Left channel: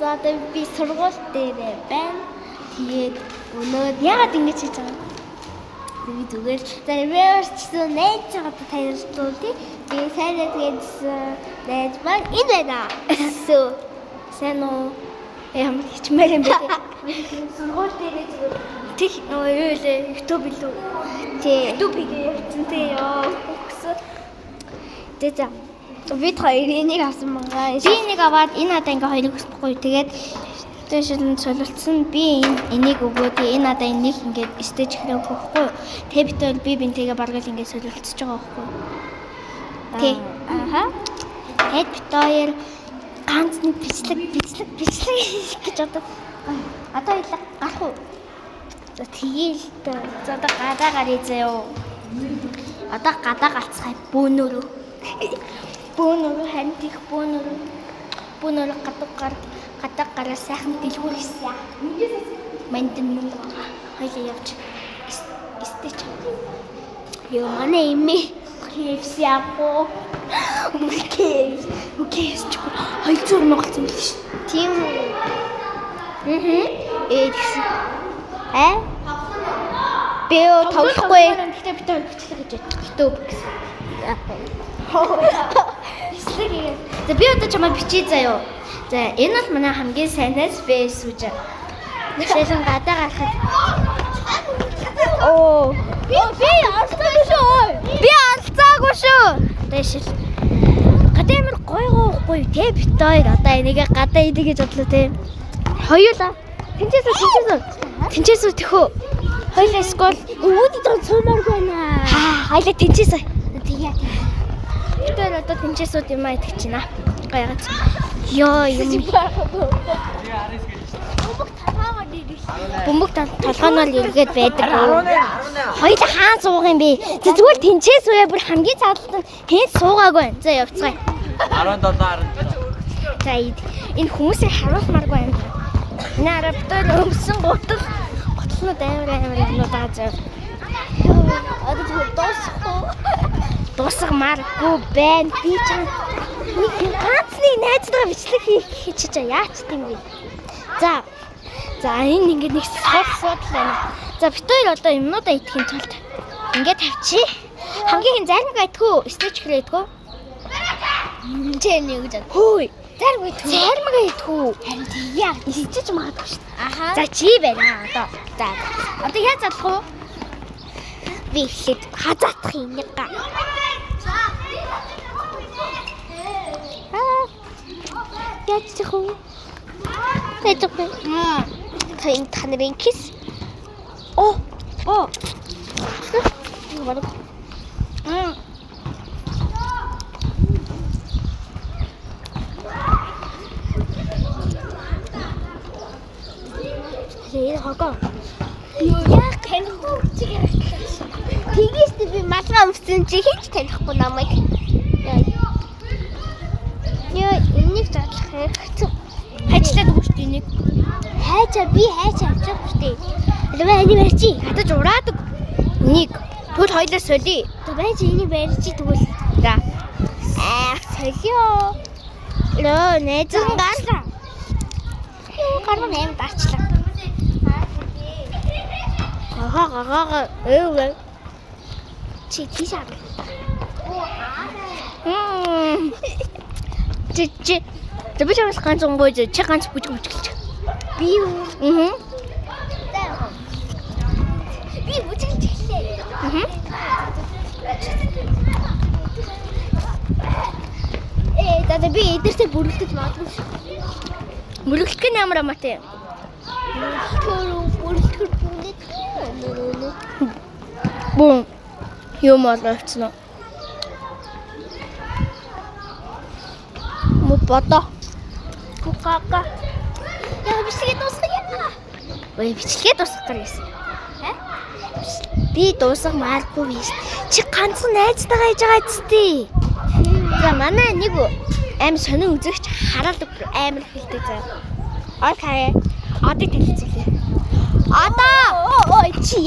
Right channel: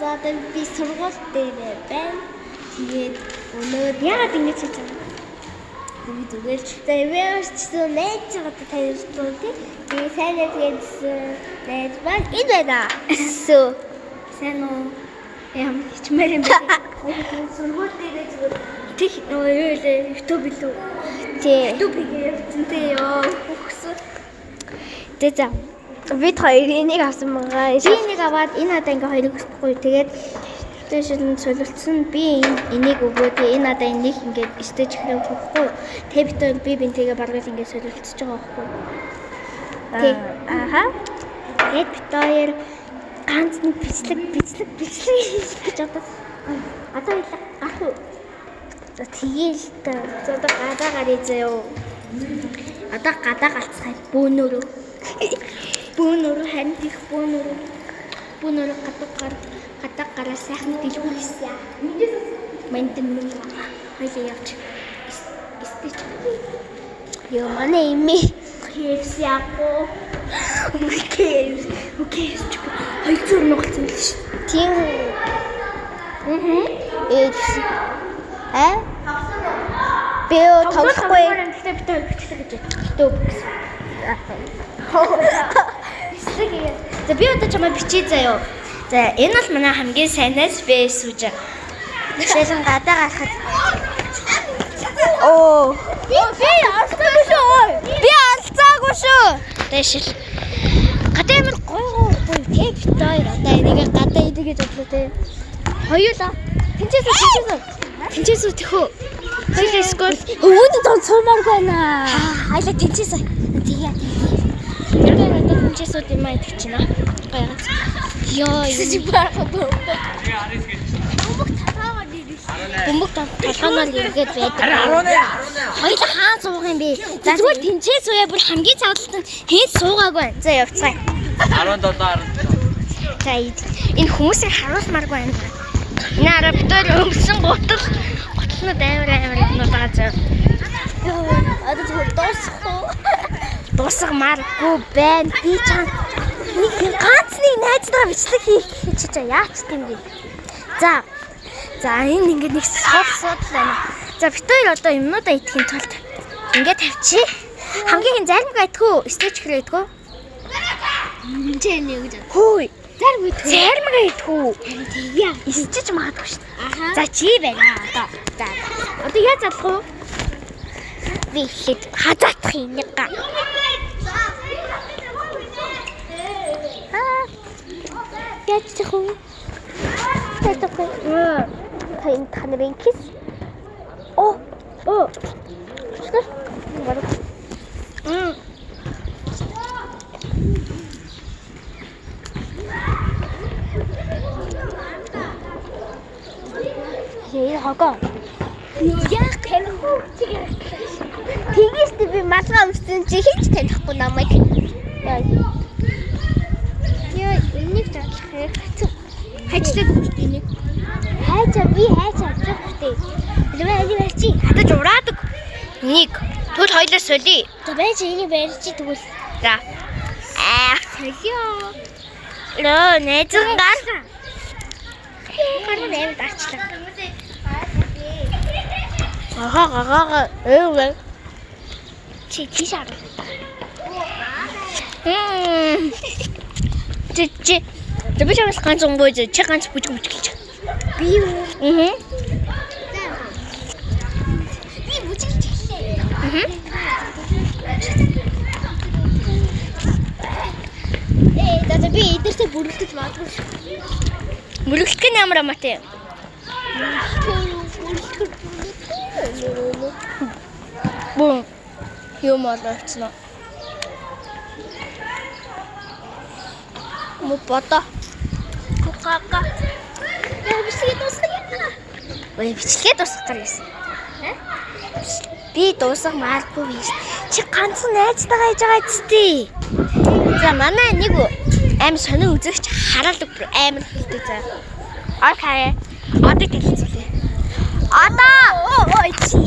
За одоо би сургууль дээр байна. Тэгээд өнөөдөр яагаад ингэж хийж байгаа юм? Зүгээр. За верчсэн найз чагаад танилцуулъя. Тэгээд сайн найз маань энэ байна. Сүү. Сайн уу? Ям хичмээр юм бэ? Сургууль дээр зүгээр тэг YouTube билүү? Тий. YouTube хийсэн тий ёо. Өгсөн. За. Бид хоёрын нэг авсан байгаа. Би нэг аваад энэ надаа ингээ хоёрыг өсөхгүй. Тэгээд стэйшн солилцсон. Би энийг өгөө. Тэгээ энэ надаа энийг ингээ стейж хэрэг өгөхгүй. Тэгээ бид хоёр би бинтэйгээ баргал ингээ солилцож байгаа байхгүй. Тий. Аха. Тэгээд бид хоёр ганц нэг бичлэг гэж одоо ялах ах уу. За тэгээл за одоо гадаа гарыг заяа. Одоо гадаа галцхай бөөнөрөө. Бөөнөрөө харин их бөөнөрөө гадаа гараа сайхан дэлгүүр хийсэн яа. Мэнтэн мөнгө хоёул явж стейч. Ёо манай имээ хийвс яако. Окей. Хайцуур ногцсон л ш. Тийм. Гэсэн. Би тоглохгүй. Тэгтээ бид хоёр бичлэг гэж боддог гэсэн. За би одоо чамаа бичиж заяа. За энэ бол манай хамгийн сайнаас бэс үж. Жишээлбэл гадаа гарахад. Оо. Би алцаагүй шүү. Дэшил. Гадаа ямар гой те бит хоёр одоо энийг гадаа идэх гэж бодлоо те. Хоёулаа. Тэнцээсүү тэхөө. Хоёулаа скол өвөд донцомор байна. Хоёулаа тэнцээсээ. Тэгээ. Тэр одоо тэнцээсүүд юм аа идэх чинь аа. Гайгаад. Йоо юм. Бөмбөг толгооноор иргээд байдаг. Хоёулаа хаан суух юм бэ? Зүгээр тэнцээс үе бүр хамгийн цаалт нь хэн суугаагүй байна. За явцгаая. 17. За энэ хүмүүсийг харуулмааргүй юм байна. Энэ арабтар өмсөн готлнууд амар юмнууд байгаа зав. Одоо дуусгамааргүй байна. Би чам нэг ганцны найзтайгаа бичлэг хийж чаа. Яач тийм бэ? За энэ ингээд нэг сууд байна. За бид хоёр одоо юмнуудаа идэхин тулд ингээд тавьчих. Хамгийн зарим гайтгүй стейч хэрэг идэггүй. Энд нэг гэж. Хөөе. Зарим гайтгүй. Харин тийя. Истэж магадгүй шүү дээ. За чи байна одоо. За. Одоо яаж залах вэ? Би хэд хазаатах юм нэг га. Яаж чих вэ? Тэжгүй. Тэн танарын кис. Оо. Яа хага. Яа танихгүй чи ярихгүй. Тэгээс би матраа өмсөн чи хийж танихгүй намайг. Яа энийг задлах хэрэгтэй. Хайчлаад өгч энийг. Би хайчаа авчихгүй. Алваа энийг барьчих. Хатаж ураадаг. Энийг тэгвэл хоёлоо солиё. За байж энийг барьчих тэгвэл. За. Солиё. Лөө найзан гар. Гарна юм дарчлаа. Ага. Чи тийшээ. Чи. Тэбэ чамс ганц онгой чи ганц бүжгэлж. Би юу? Би бүжгэлж хэлээ. За би эдэртээ бүрлдэж магадгүй. Бүрлдэх нь ямар амаатай? Бум. Юм алцсан. Мупата. Кукака. Бичлэгээ дуусгая. Бичлэгээ дуусгах гэсэн. Би дуусгамааргүй биш. Чи ганцхан найзтайгаа хийж байгаа зү. За манай нэг аим сонир үзэгч хараад амар хэлдэг заа. Окей. Одоо хэлцүүлээ. Одоо ой чи